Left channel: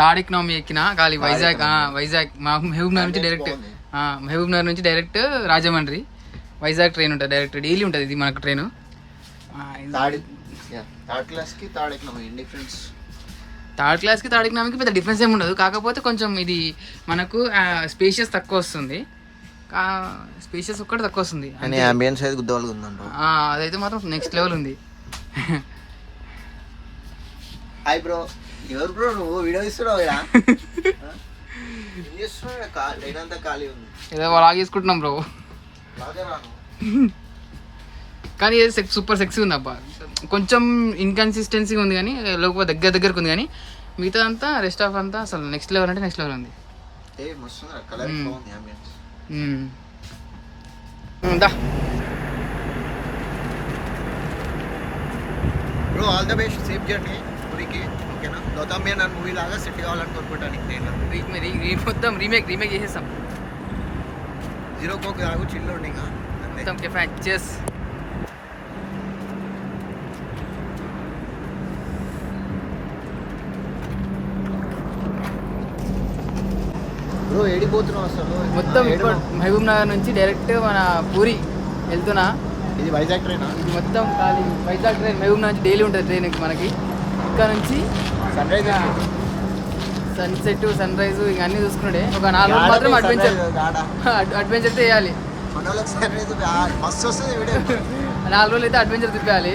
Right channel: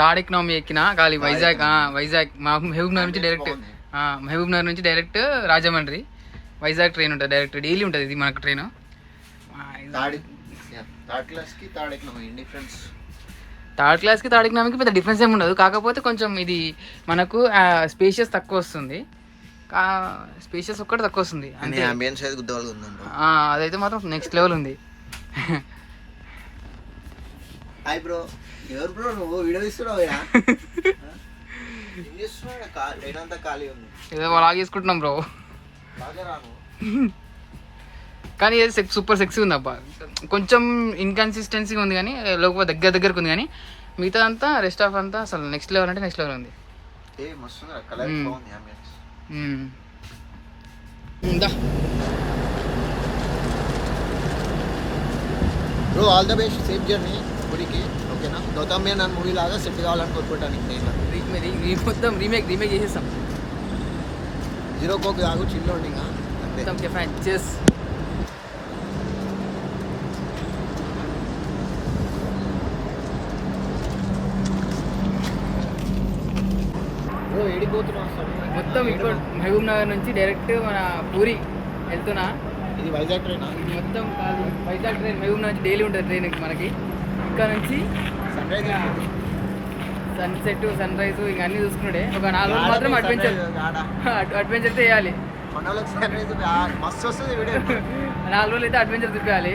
తాడిక్ నవమి ఎక్కిన ఖాళీ వైజాగ్ మహబూబ్ నగర్ నుంచి డైరెక్ట్ రాజమండ్రి వైజాగ్ ట్రైన్ ఉంటుంది డైరెక్ట్ డైలీ ఉంటుంది ఇది మనకు ట్రైన్. థర్డ్ క్లాస్కి తాడిక్ నవమికి పెద్ద డిఫరెన్స్ ఏమి ఉండదు, కాకపోతే కొంచెం ఇది మనకు స్పేషియస్ తక్కువ వస్తుంది, స్పేషియస్ ఒక్కటి తక్కువ వస్తుంది, అదైతే మాత్రం నెక్స్ట్ లెవెల్ ఉంది. ఏదో లాగ్ చేసుకుంటున్నాం బ్రో, కానీ ఏది సూపర్ సెక్సీ ఉంది అబ్బా. కొంచెం ఇన్కన్సిస్టెన్సీగా ఉంది కానీ లోపల దగ్గరకు ఉంది, కానీ మిగతా అంతా రెస్ట్ ఆఫ్ అంతా అసలు నెక్స్ట్ లెవెల్ అంటే నెక్స్ట్ లెవెల్ ఉంది. Bro all the best, safe journey ఊరికి, ఓకేనా? గౌతమ్ మేనన్ మూవీ లాగా సెట్ కావాలని కోరుకుంటాను. మొత్తం రీమేక్ చేసేస్తాం. జీరో కోక్ తాగు, చిల్లు ఉండి ఇంకా మొత్తం కెఫాన్ చెస్. బ్రో ఏడిపోతున్నావు అసలు? మొత్తం ఇప్పుడు మహబూబ్ నగర్ నుంచి డైరెక్ట్ మన పూరి వెళ్తున్నా. ఇది వైజాగ్ ట్రైన్, ఇది మొత్తం ఖాళీ వైజాగ్ ట్రైన్. మహబూబ్ నగర్ నుంచి డైలీ ఉంటుంది ట్రైన్ మనకి. ఇక్కడ నుంచి సన్సెట్ సన్ రైజ్ ఇక అన్నీ చూసుకున్నాడే. ఒక 4 రోజులు మాత్రం అడ్వెంచర్ చేయాలి. 4 రోజులు అయితే అడ్వెంచర్ తిప్పాలి.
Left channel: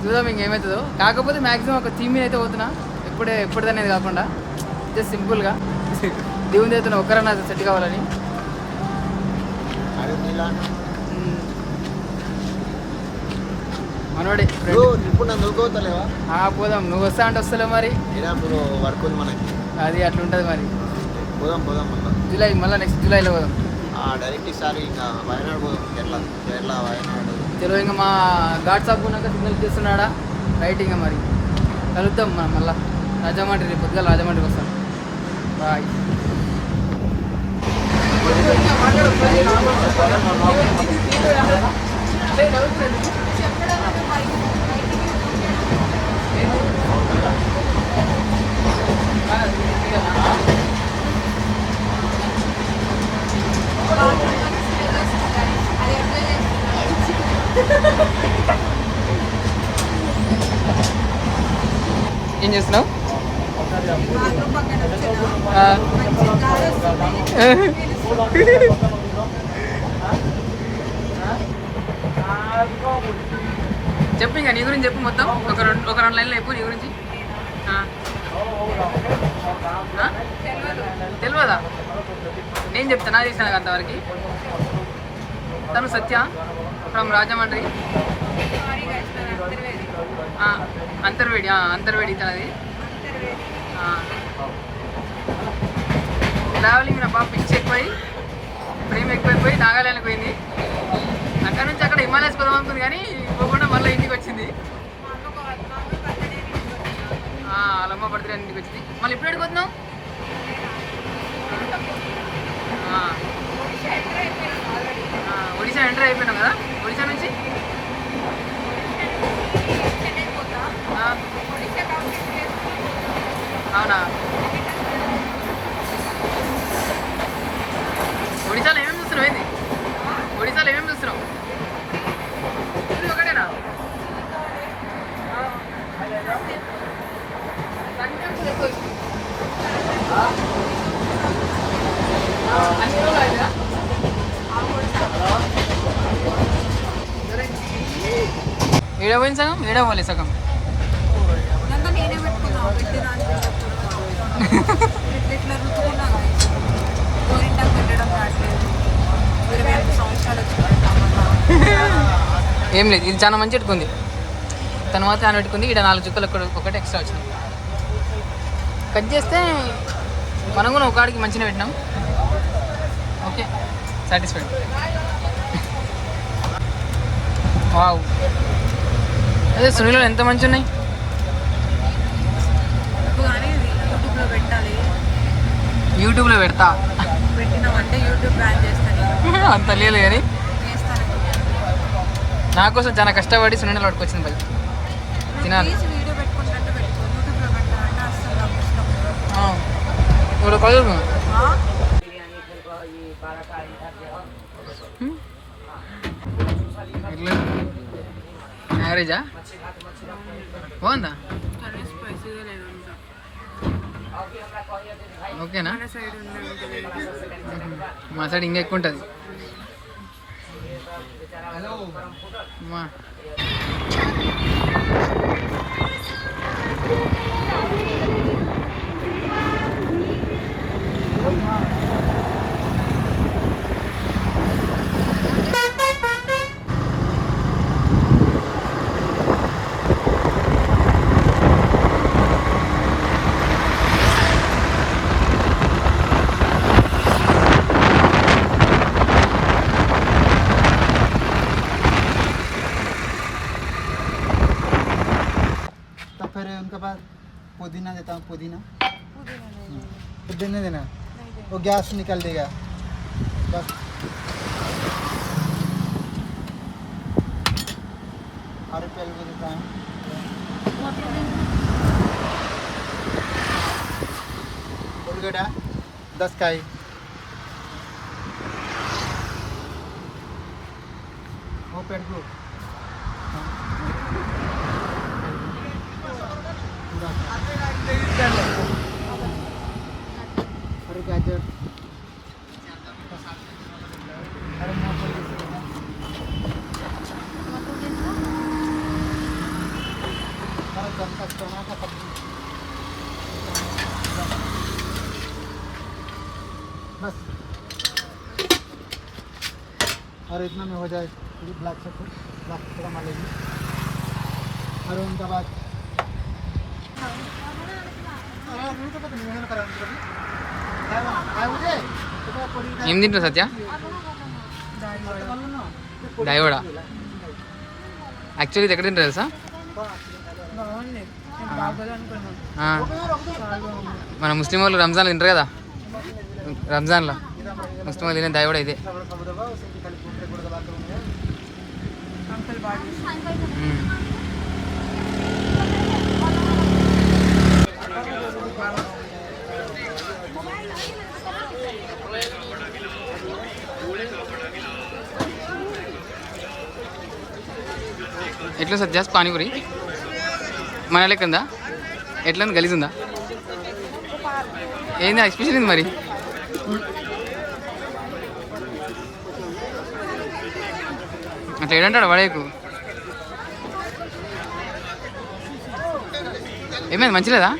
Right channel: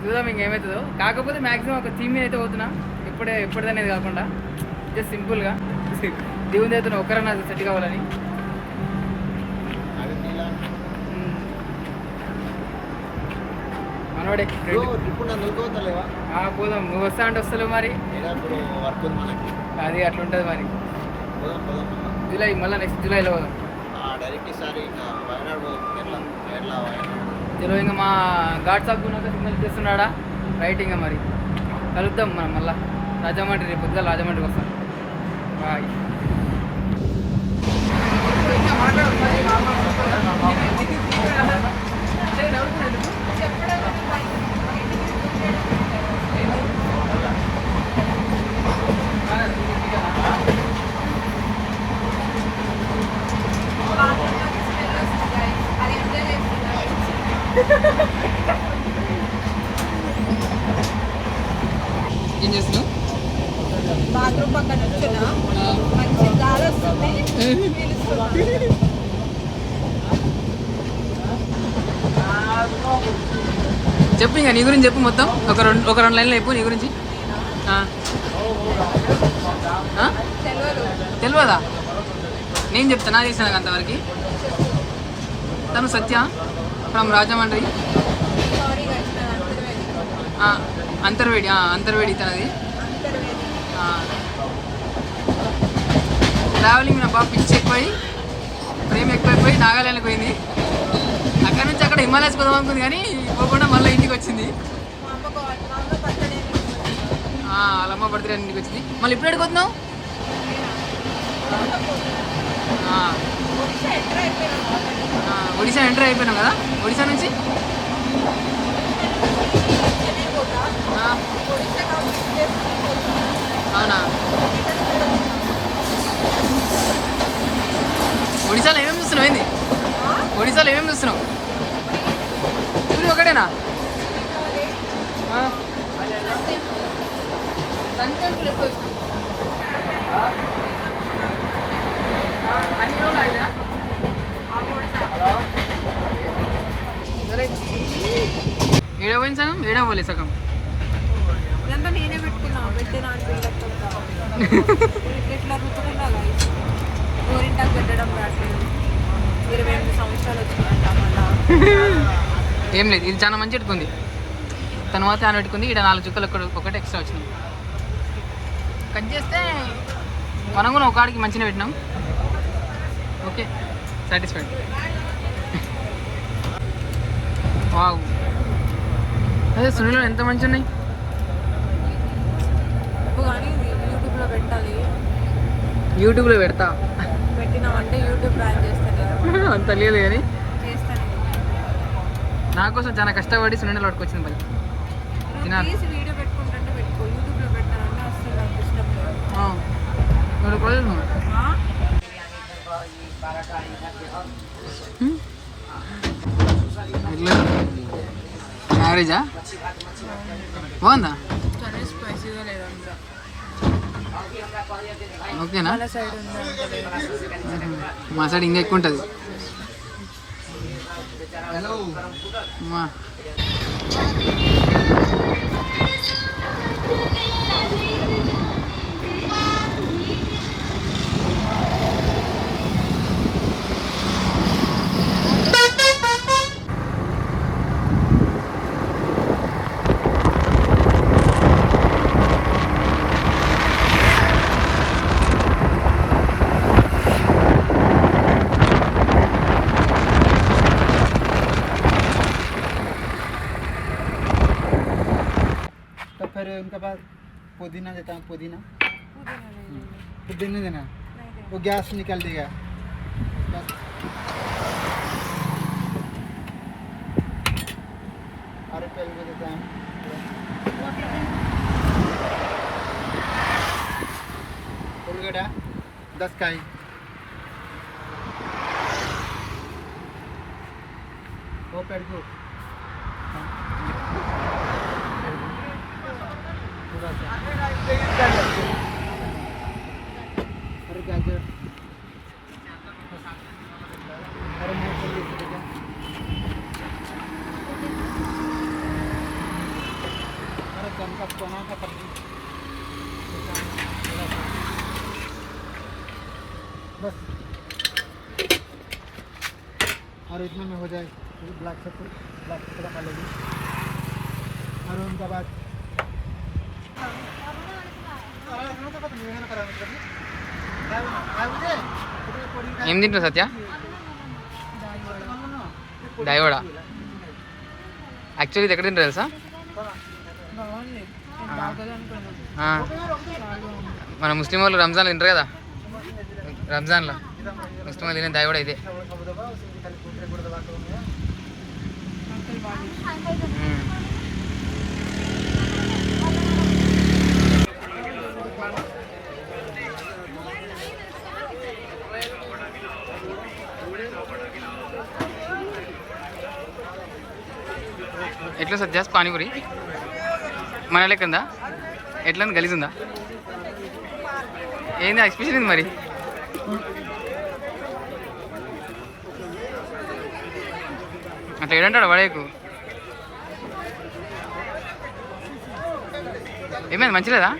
చూద్దాం ఇంకేమవుతుందో. కాకపోతే మ్యాక్సిమం ఒక థీమ్ మీద అయితే పోతున్నా, ఎప్పటిదనేది కాకుండా జస్ట్ సింపుల్గా దేవుని అయితే ఒక్కరన్నా సెట్ కావాలని. మనోడే పోదాం, నువ్వు వస్తా అంటే వస్తలేవు మరి, అది అట్లా ఉంటుంది మరి. జూలై మళ్ళీ నెక్స్ట్ జూలైలో పోదాం చలో. ఇంకా మా ఘాట్ సాగున్నాక సిగ్నల్ చేస్తున్నాడా రైట్. ఇంకా మరి కలుద్దాం మనం మళ్ళీ రాజమండ్రి, రేపు పొద్దుగా రాజమండ్రికి వస్తాం. బాయ్. ఏం చేస్తున్నావు? చెప్పు, ఇంకా నీ గురించి చెప్పు మొత్తం. ఒక రెండు లైన్లు చెప్పు నీ గురించి. తెలియదా? నేను చెప్తాను, నా చేసాను అంతవరకు. తను సత్య ఫ్రమ్ రాజమండ్రి, అంతర్వేడి తనది. ట్రావెలింగ్ నా బాగా పిచ్చి ఎక్కువై, ప్రేమ ఎక్కువైపోయి నాగాలాండ్కి పోయింది. అక్కడ నుంచి అక్కడ హిమాలయస్ పోదాం అనుకుంది, కానీ పోకుండా మళ్ళీ ఇంటికి వచ్చింది. వాళ్ళమ్మ బర్త్డే ఇంటికి వచ్చింది. మళ్ళీ ఇప్పుడు ఎడుకొస్తున్నావు? ఒడిశా ఎంటర్ అయిపోయినాం కదా. ఒడిశా నుంచి అవునా? ఒడిశాలో ఏమేమి చూస్తున్నావు? ఏంది ఒడిశాలో ఏమేమి చూస్తున్నావు? ఒకటేనా? ఏడవైంది సగం, ఏడవాలి సగం. నేనే పెట్టుకున్నా పెట్టినా ఇట్లా రుతుకున్నా పెట్టడం రావట్లేదు. 28 సంవత్సరాలు వచ్చినాయి. ఏం లేదు, ఇది చాలా మంచి పెట్టుకుంది. తన మాత్రం ఆయన పెట్టుకుంది. ఇక్కడ 4 చుక్కలు ఒకటి ఎక్స్ట్రా వచ్చింది. కట్ చేస్తే మనం కూడా ఒక కాడికి మంచిగా పెట్టినాం. Okay, satisfied. వావ్, అదే సునీలో ఎంత మంచి ఉన్నాయి. యూట్యూబ్లో పెట్టాలి. యూట్యూబ్లో పెడతా, పెట్టినామంటే యూట్యూబ్ బ్యాన్ చేస్తాను. అంత లేదు కానీ నా కోసం చాలా కష్టపడి సునీలో పట్టుకొచ్చింది. బై తినాలి. వీడియో పెట్టుకుంటే పెట్టుకో, యూట్యూబ్లో పెట్టాలంటే అసలు నాకు ఇష్టం. కాలేజ్ ఎట్లా యావరేజా బాగుందా కానీ స్పైసీగా లేదంతా ఓకేనా మన సైడ్ ఉందంటే మా సైడ్ ఇంకా ఎక్కువ ఉంటుంది మా तो फिर उनके पास पुदीना देता हूँ पुदीना पुदीना देना वो गैस निकल देगा बस और रुपये भी देता हूँ उलगड़ा 10 का ही वो पेड़ को पूरे गाजर और मूंगफली और जनता सोना का सब्जी बस और इतना में हो जाए ब्लैक चक्कर मालेगी और उनका बाद ఏం తింటావు సత్య దయవడ యాక్చువల్లీ ఇది ఎక్కడ తింటారు తెలుసా బాగుంది నేను బాగోదు అనుకున్నాను ఆ, చాలా బాగుంది మన ముస్లిం వాళ్ళు రంజాన్లో తింటారు కదా రంజాన్లో ముస్లిం వాళ్ళు తినే దయవడ ఇదే అంకుల్ బాగా చేశారు. మ్మ్. ఎట్లా సత్యాస్ పానీపూరి మన లెక్కందా ఎట్లా గలీజ్ ఉందా ఏంది ఎక్స్ప్రెషన్ ఏంది మరి అట్లా ఏడంటాడు వాడేకు ఏమైంది మంచిలేదా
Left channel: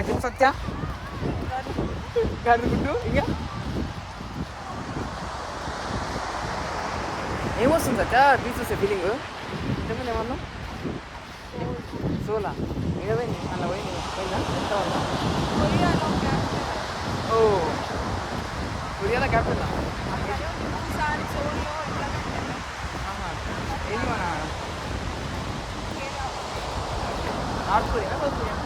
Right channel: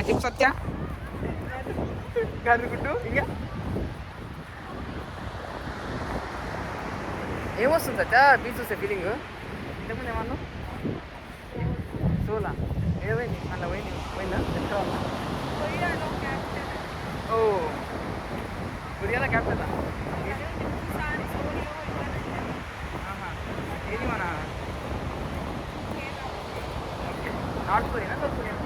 చెప్పు సత్య గడుగుడ్డు ఇంకా ఏమొస్తుంది సత్య బీచ్ చూస్తే ఫీలింగ్ ఇంతకుముందు ఏమన్నా సోలా ఏడపోయింది అలా పోయిందా ఎత్తుకోవాలా ఓ కొరియాలో క్యాపిటల్ ఏది మన నార్త్ కొరియానా సౌత్ కొరియానా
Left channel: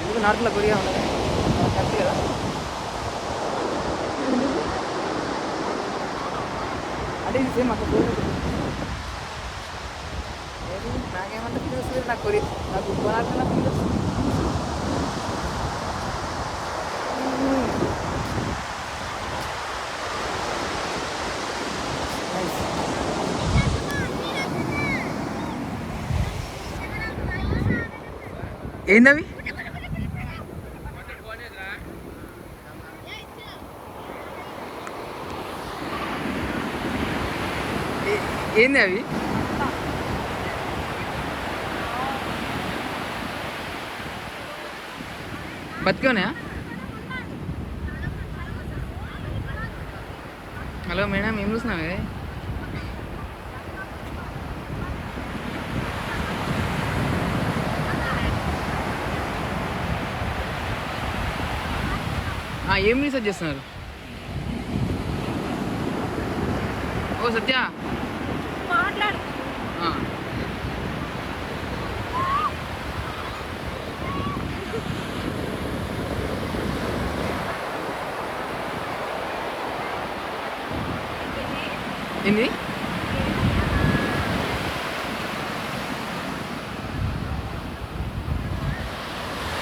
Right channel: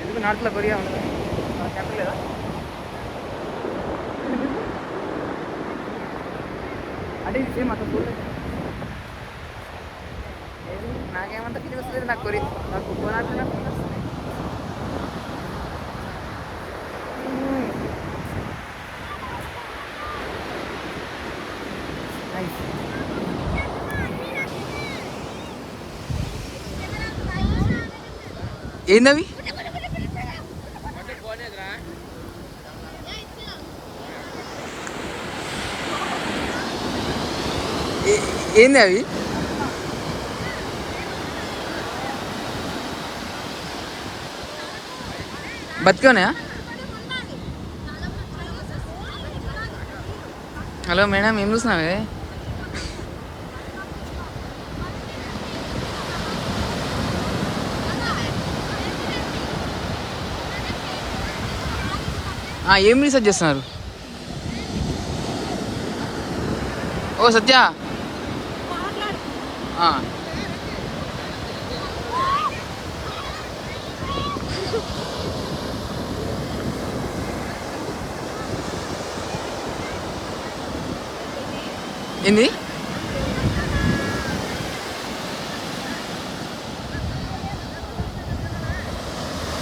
ఎందుకు నార్త్లో కొరియా ఉండదా మన క్యాపిటల్ లేదా అంటే ఇది సేమ్ అట్లా చూడలేదు ఏది నాకేమంతా ఫీలింగ్ వస్తుంది నాకు కొనాల్సిన ఫీలింగ్ వస్తుంది నైస్ ఏందవి ఏంది అవి బతికోనా హలో మేడం ఏం చూస్తున్నావే ఏం రీసెర్చ్ చేస్తున్నారు? ఓ సత్య, ఆ. ఏంది?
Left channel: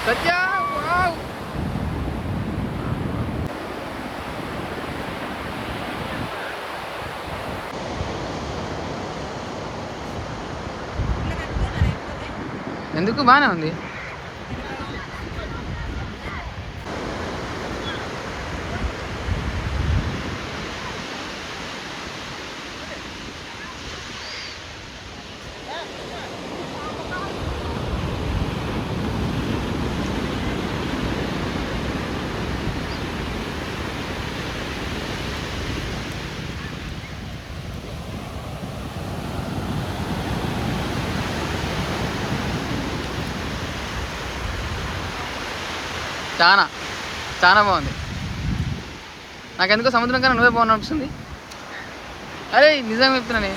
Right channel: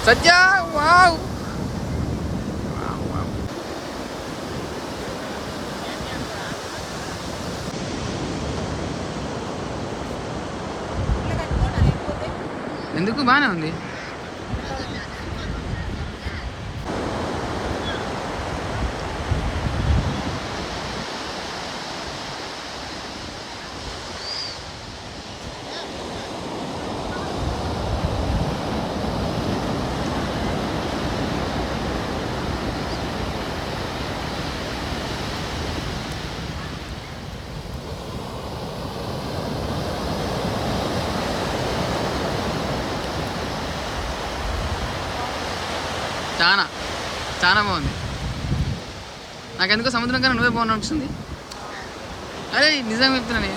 సత్య, వావ్. ఎందుకు బాగానే ఉంది. చాలా చాలా బాగుంది. నాకెందుకో సముద్రం కన్నా నువ్వే బాగున్నా అనిపిస్తుంది. అరే నిజంగా చెప్తున్నానే.